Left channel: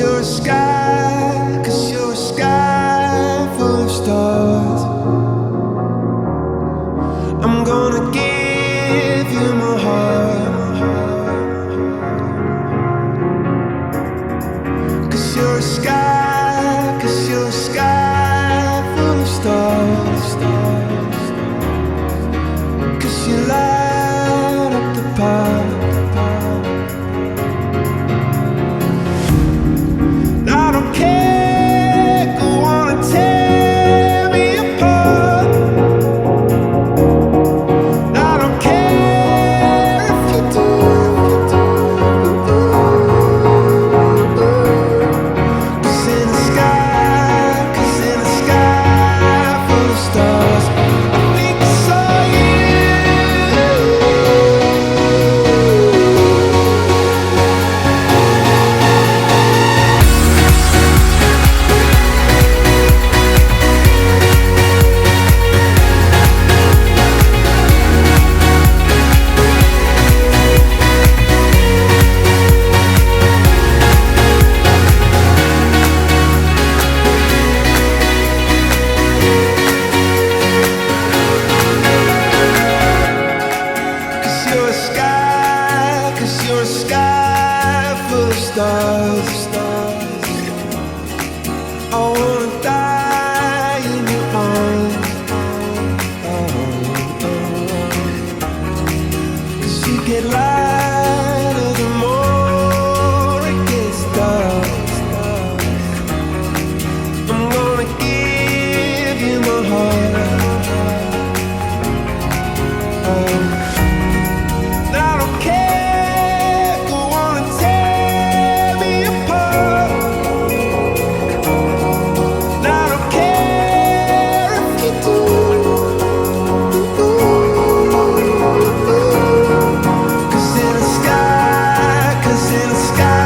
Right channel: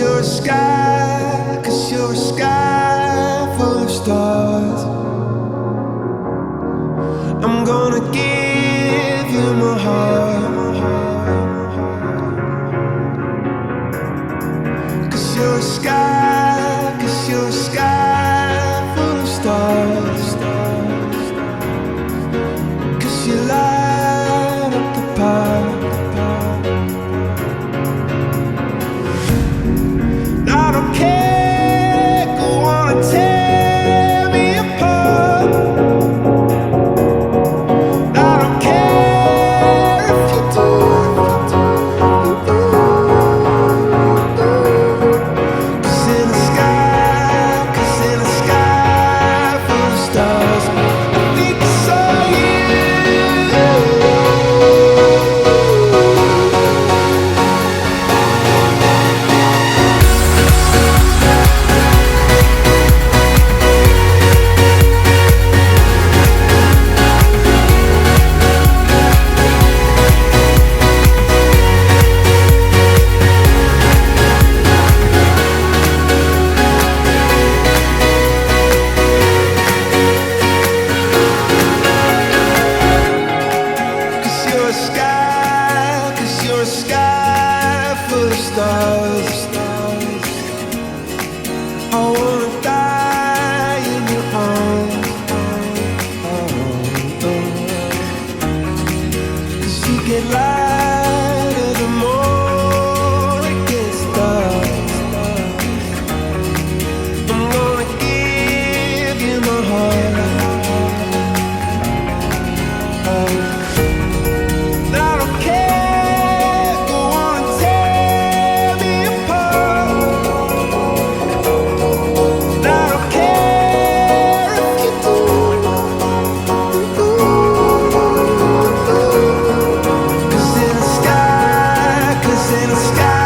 you're a sky, 'cause you're a sky full of stars. I'm gonna give you my heart, 'cause you're a sky, 'cause you're a sky full of stars. 'Cause you light up the park. I don't care, go on and tear me apart. I don't care if you do. Cause in the sky, 'cause in the sky full of stars, I think I saw you. You're a sky full of stars. I wanna die in your arms. Oh, oh. 'Cause you get lighter the more it gets dark. I'm gonna give you my heart. Oh, I don't care. In the sky